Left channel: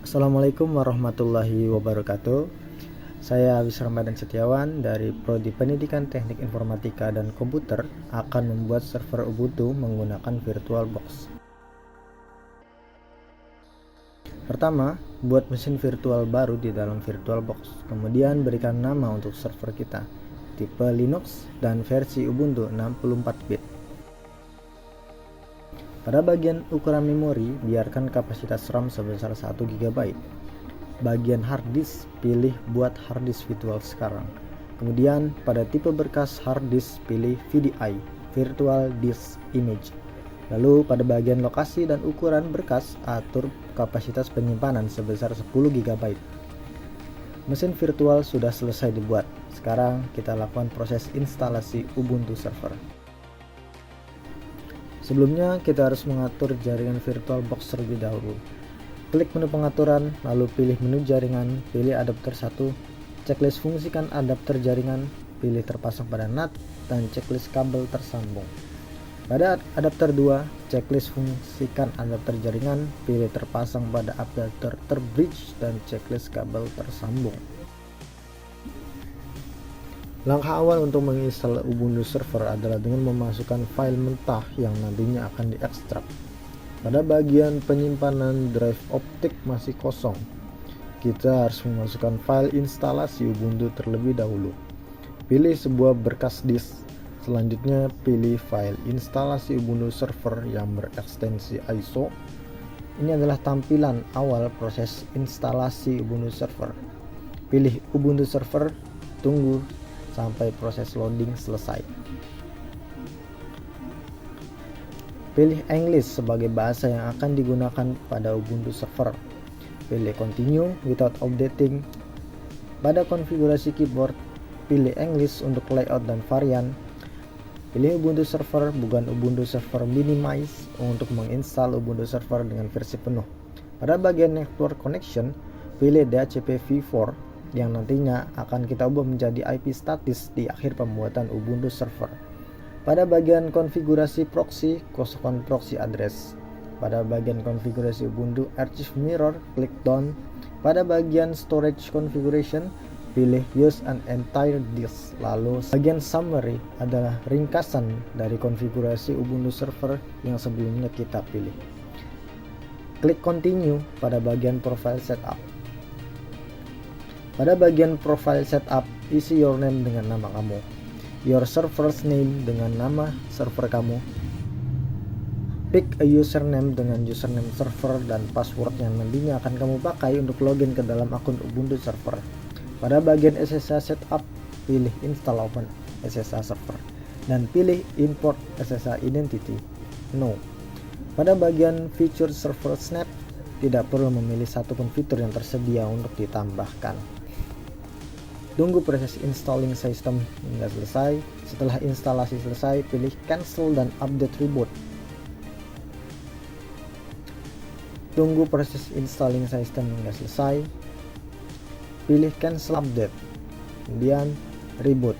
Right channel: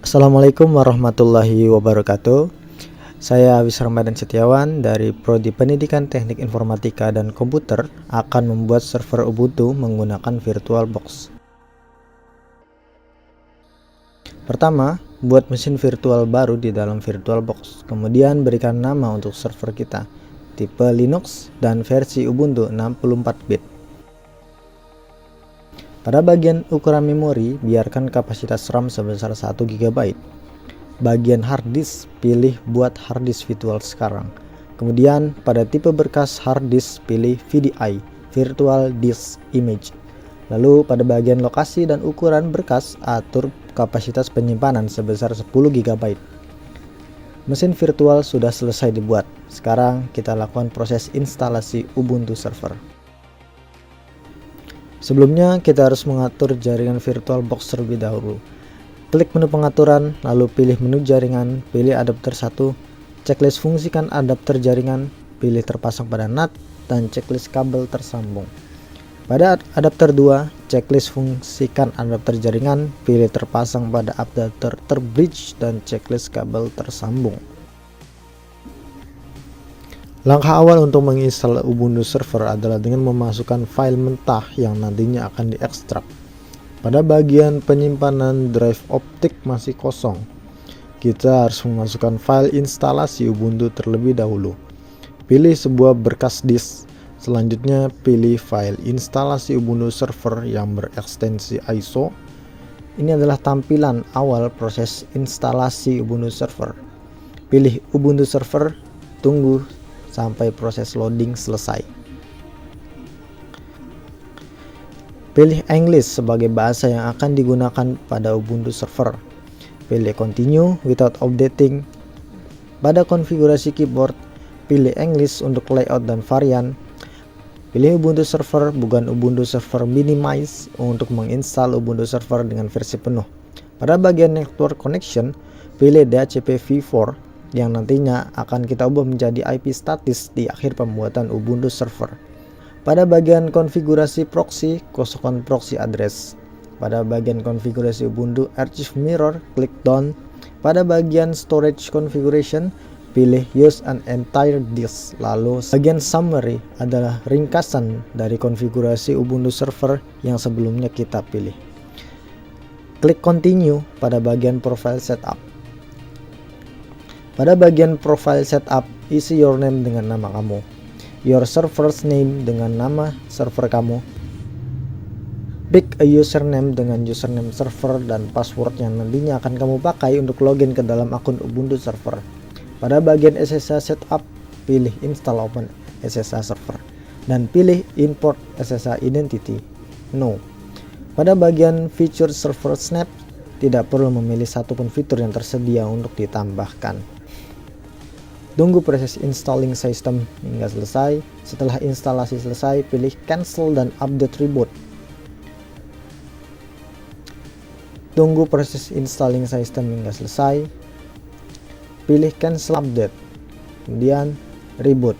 Assalamualaikum warahmatullahi wabarakatuh. Saya Awis Ramadan Setiawan dari Prodi Pendidikan Teknik Informatika dan Komputer akan membuat server Ubuntu menggunakan VirtualBox. Pertama, buat mesin virtual baru di dalam VirtualBox. Kemudian berikan nama untuk server kita, tipe Linux dan versi Ubuntu 64-bit. Pada bagian ukuran memori, biarkan kapasitas RAM sebesar 1 GB. Bagian hard disk, pilih buat hard disk virtual sekarang. Kemudian pada tipe berkas hard disk, pilih VDI, Virtual Disk Image. Lalu pada bagian lokasi dan ukuran berkas, atur kapasitas penyimpanan sebesar 10 GB. Mesin virtual sudah selesai dibuat. Sekarang kita lakukan proses instalasi Ubuntu server. Sebelumnya kita harus mengatur jaringan VirtualBox terlebih dahulu. Klik menu pengaturan, lalu pilih menu jaringan, pilih adapter 1, checklist fungsikan adapter jaringan, pilih terpasang pada NAT, dan checklist kabel tersambung. Pada adapter 2, checklist fungsikan adapter jaringan, pilih terpasang pada adapter terbridge, dan checklist kabel tersambung. Langkah awal untuk menginstal Ubuntu server adalah dengan memasukkan file mentah yang nantinya akan diekstrak. Pada bagian penyimpanan drive optik masih kosong, kita harus memasukkan file instalasi Ubuntu terlebih dahulu. Pilih sebuah berkas disk. Selanjutnya pilih file instalasi Ubuntu server yang berekstensi ISO. Ini adalah tampilan awal proses instalasi Ubuntu server. Pilih Ubuntu server, tunggu sampai proses loading selesai. Pilih English sebagai bahasa yang akan digunakan pada Ubuntu server. Pilih Continue without updating. Pada konfigurasi keyboard, pilih English untuk layout dan varian. Pilih Ubuntu server, bukan Ubuntu server minimize untuk menginstal Ubuntu server dengan versi penuh. Pada bagian network connection, pilih DHCP v4 yang nantinya akan kita ubah menjadi IP statis di akhir pembuatan Ubuntu server. Pada bagian konfigurasi proxy, kosongkan proxy address. Pada bagian konfigurasi Ubuntu Archive Mirror, klik Done. Pada bagian storage configuration, pilih Use an entire disk. Lalu bagian summary adalah ringkasan dari konfigurasi Ubuntu server yang sebelumnya kita pilih. Klik Continue pada bagian Profile Setup. Pada bagian Profile Setup, isi your name dengan nama kamu, your server's name dengan nama server kamu, pick a username dengan username server dan password yang nantinya akan kamu pakai untuk login ke dalam akun Ubuntu server. Pada bagian SSH Setup, pilih Install Open SSH Server dan pilih Import SSH Identity No. Pada bagian Feature Server Snap, tidak perlu memilih satupun fitur yang tersedia untuk ditambahkan. Tunggu proses installing system hingga selesai. Setelah instalasi selesai, pilih Cancel dan Update Reboot. Tunggu proses installing system hingga selesai. Pilih Cancel Update. Kemudian Reboot.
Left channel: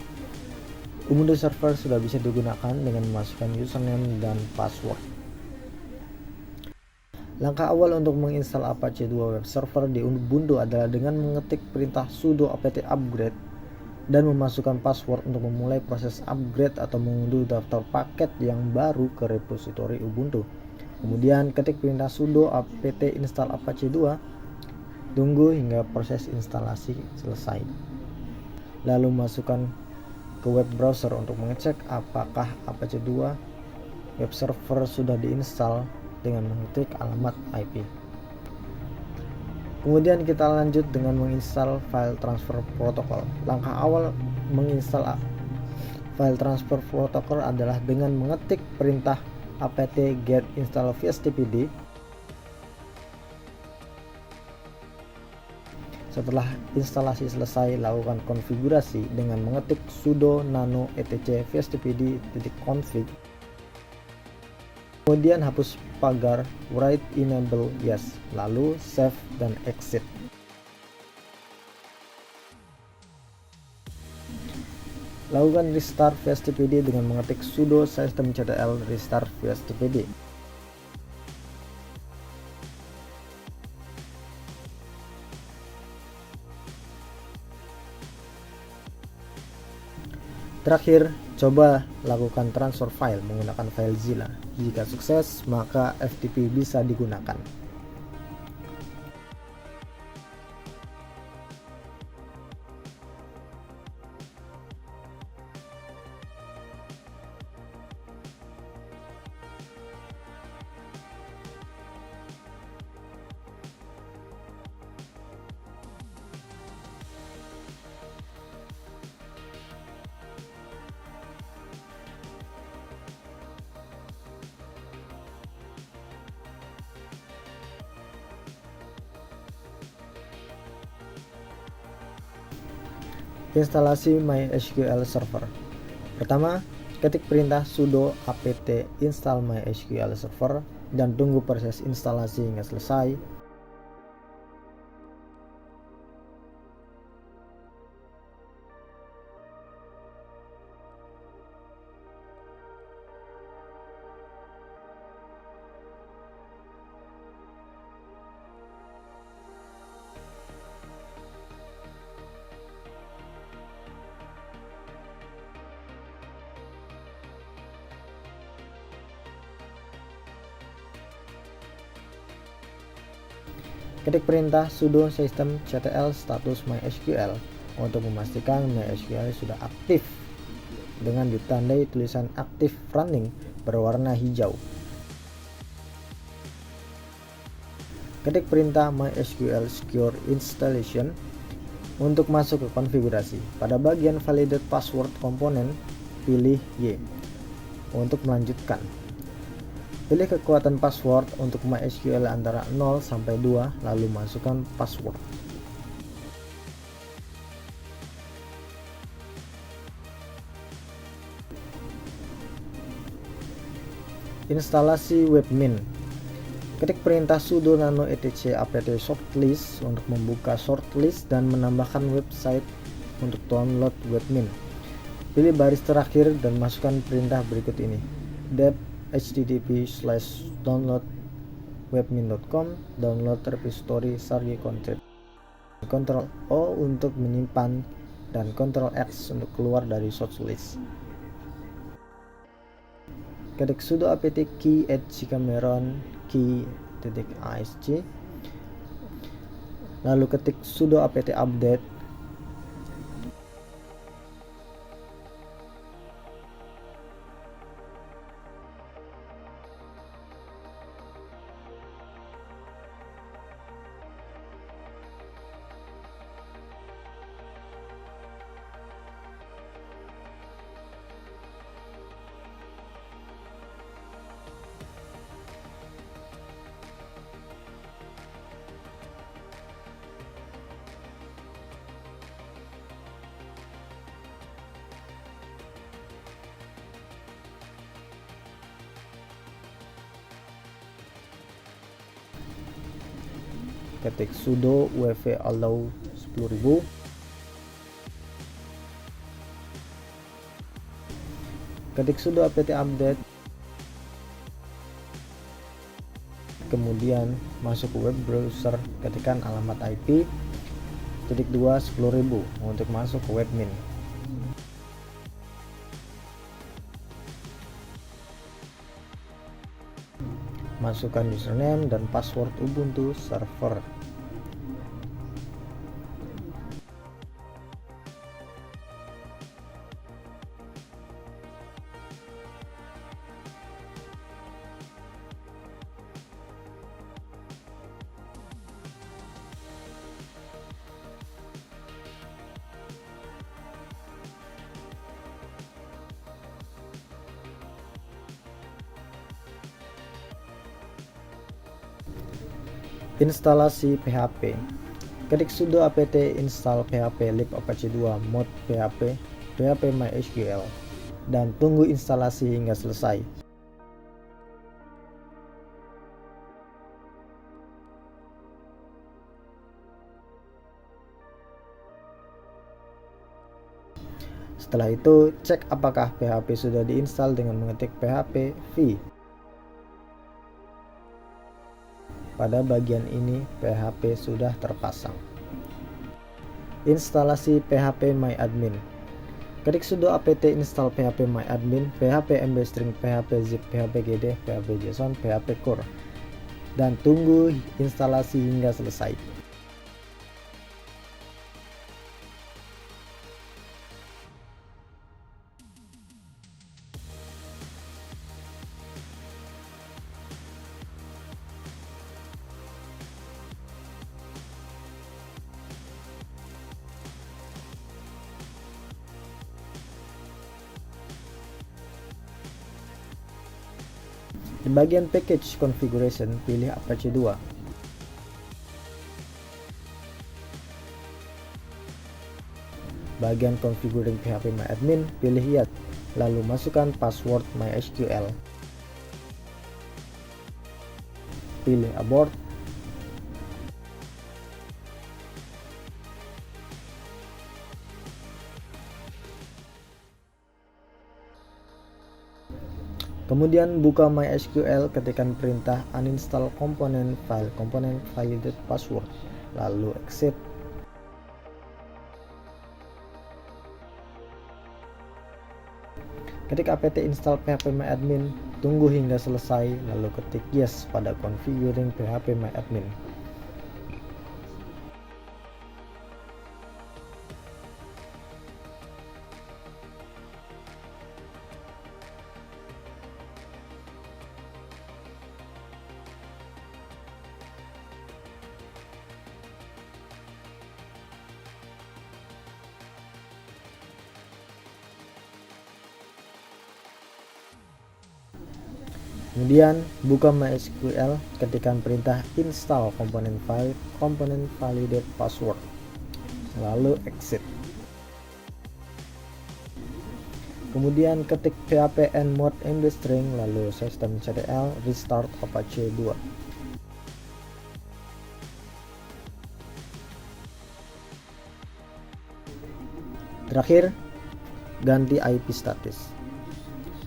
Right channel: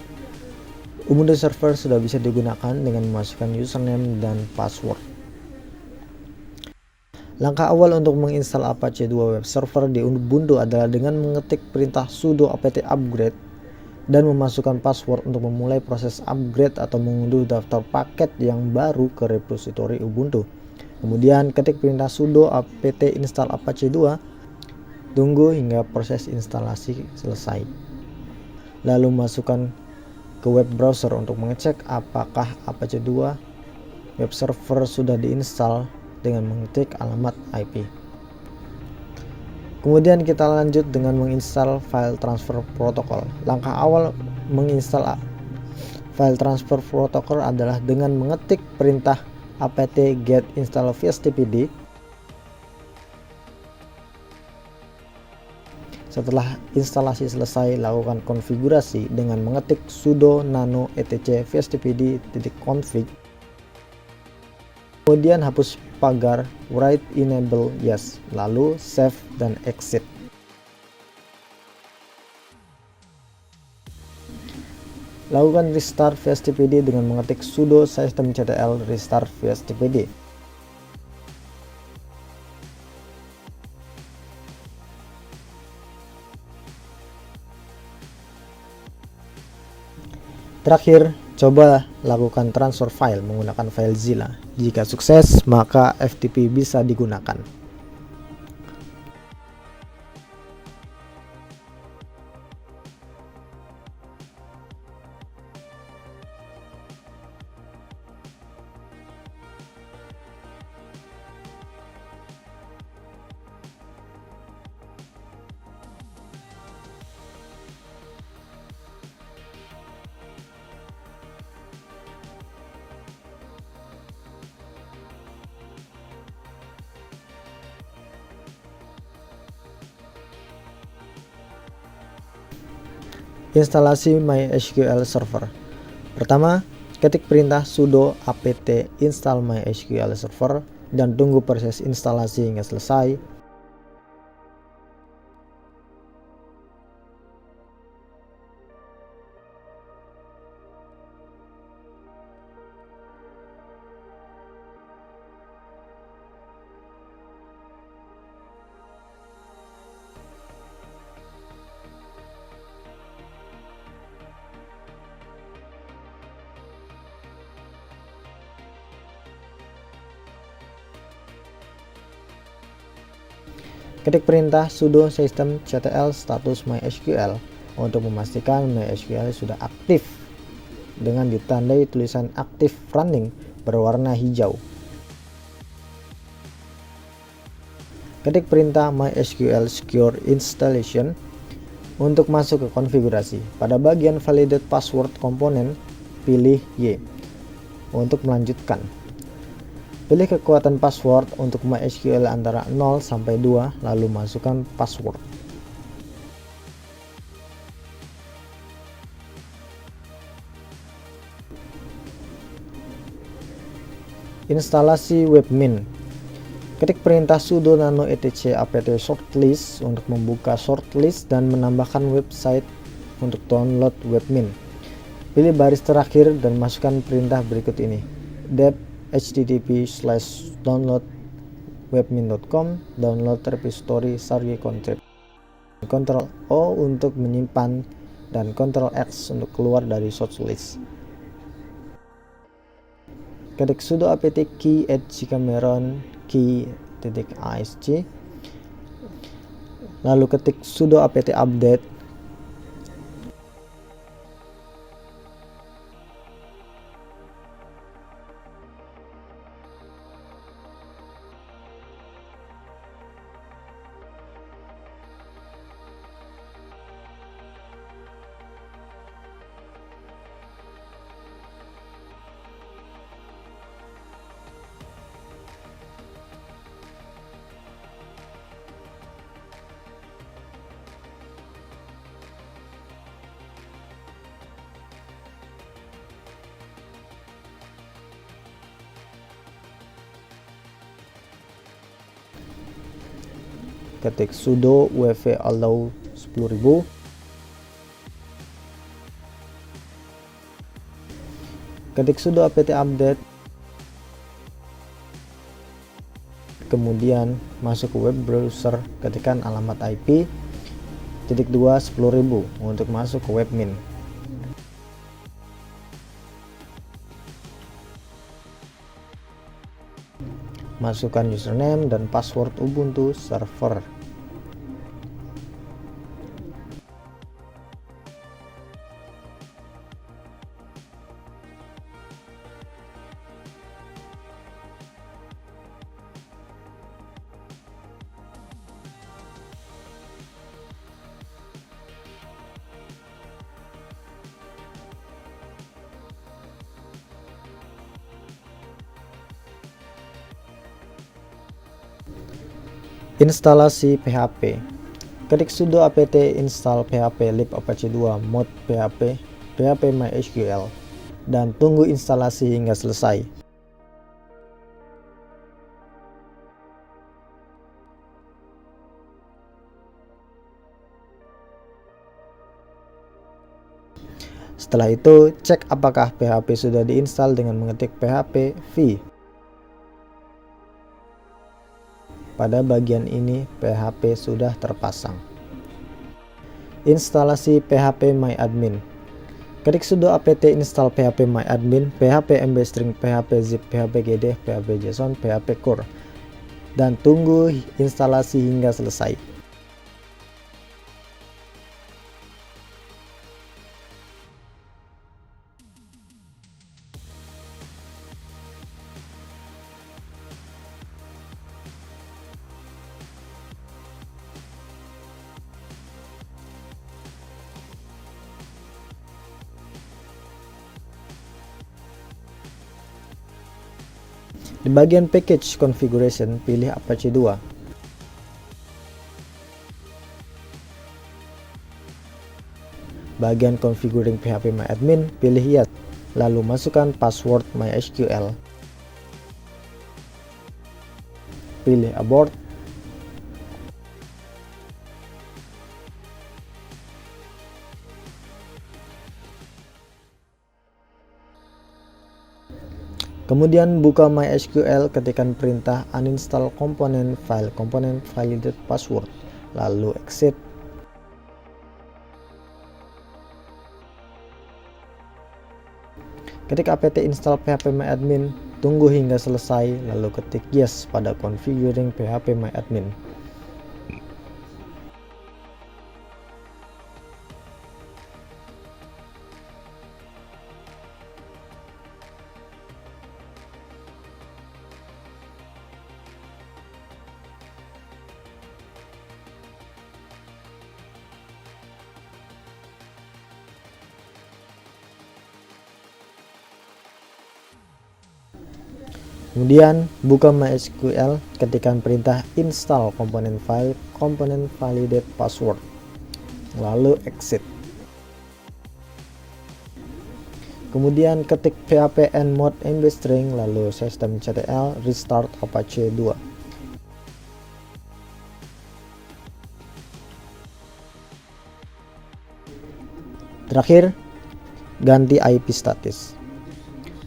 Ubuntu server sudah bisa digunakan dengan memasukkan username dan password. Langkah awal untuk menginstal Apache 2 web server di Ubuntu adalah dengan mengetik perintah sudo apt upgrade dan memasukkan password untuk memulai proses upgrade atau mengunduh daftar paket yang baru ke repositori Ubuntu. Kemudian ketik perintah sudo apt install Apache 2. Tunggu hingga proses instalasi selesai. Lalu masukkan ke web browser untuk mengecek apakah Apache 2 web server sudah diinstal dengan mengetik alamat IP. Kemudian kita lanjut dengan menginstal file transfer protocol. Langkah awal menginstal file transfer protocol adalah dengan mengetik perintah apt get install vstpd. Setelah instalasi selesai, lakukan konfigurasi dengan mengetik sudo nano etc vstpd.config. Kemudian hapus pagar write enable yes, lalu save dan exit. Lakukan restart vstpd dengan mengetik sudo systemctl restart vstpd. Terakhir, coba lakukan transfer file menggunakan FileZilla. Jika sukses, maka FTP bisa digunakan. Instalasi MySQL Server. Pertama, ketik perintah sudo apt install MySQL Server dan tunggu proses instalasi hingga selesai. Ketik perintah sudo systemctl status MySQL untuk memastikan MySQL sudah aktif dengan ditandai tulisan aktif running berwarna hijau. Ketik perintah MySQL secure installation untuk masuk ke konfigurasi. Pada bagian validate password komponen, pilih Y untuk melanjutkan. Pilih kekuatan password untuk MySQL antara 0 sampai 2, lalu masukkan password. Instalasi webmin. Ketik perintah sudo nano etc apt shortlist untuk membuka shortlist dan menambahkan website untuk download webmin. Pilih baris terakhir dan masukkan perintah berikut ini: dep http://download webmin.com download repository sargi content. Ctrl O untuk menyimpan dan Ctrl X untuk keluar dari shortlist. Ketik sudo apt key @gcameron key.asc, lalu ketik sudo apt update. Ketik sudo wv allow 10.000, ketik sudo apt update, kemudian masuk ke web browser, ketikkan alamat IP /2 10.000 untuk masuk ke webmin. Masukkan username dan password Ubuntu server. Instalasi PHP. Ketik sudo apt install php lib apache 2 mod php php mysql dan tunggu instalasi hingga selesai. Setelah itu, cek apakah PHP sudah diinstal dengan mengetik php v. Pada bagian ini PHP sudah terpasang. Instalasi PHP MyAdmin. Ketik sudo apt install php myadmin, php mbstring, php zip, php gd, php json, php core, dan tunggu instalasi hingga selesai. Di bagian package configuration, pilih Apache 2. Bagian configuring PHP myadmin, pilih yes, lalu masukkan password MySQL. Pilih abort. Kemudian buka MySQL, ketikkan perintah uninstall komponen file validate password, lalu exit. Ketik apt install php myadmin, tunggu hingga selesai, lalu ketik yes pada configuring php myadmin. Kemudian buka MySQL, ketikkan perintah install komponen file validate password, lalu exit. Kemudian ketik php enmod mbstring, lalu systemctl restart Apache 2. Terakhir, ganti IP status.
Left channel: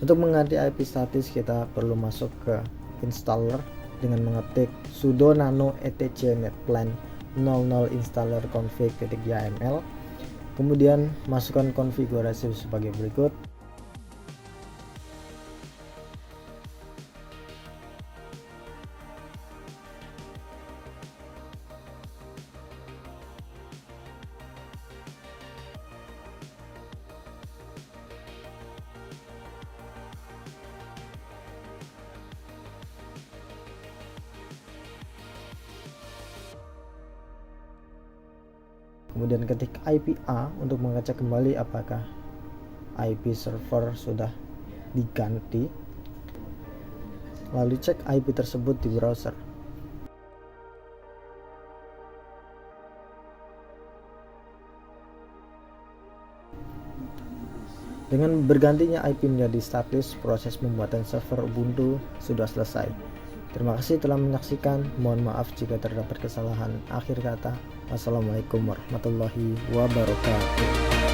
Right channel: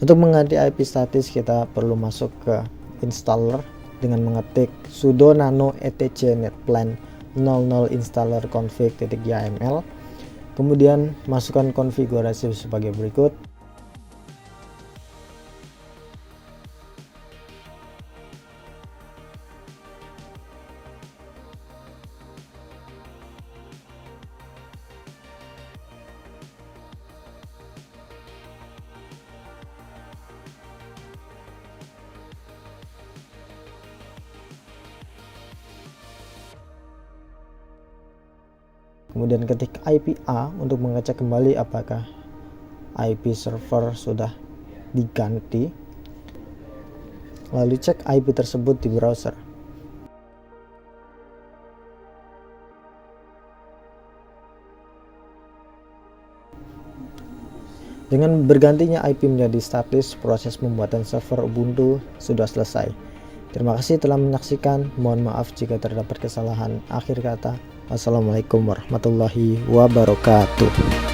Untuk mengganti IP status, kita perlu masuk ke installer dengan mengetik sudo nano etc netplan 00 installer config.yml. Kemudian masukkan konfigurasi sebagai berikut. Kemudian ketik IP A untuk mengecek kembali apakah IP server sudah diganti. Lalu cek IP tersebut di browser. Dengan bergantinya IP menjadi status, proses pembuatan server Ubuntu sudah selesai. Terima kasih telah menyaksikan. Mohon maaf jika terdapat kesalahan. Akhir kata, Assalamualaikum warahmatullahi wabarakatuh.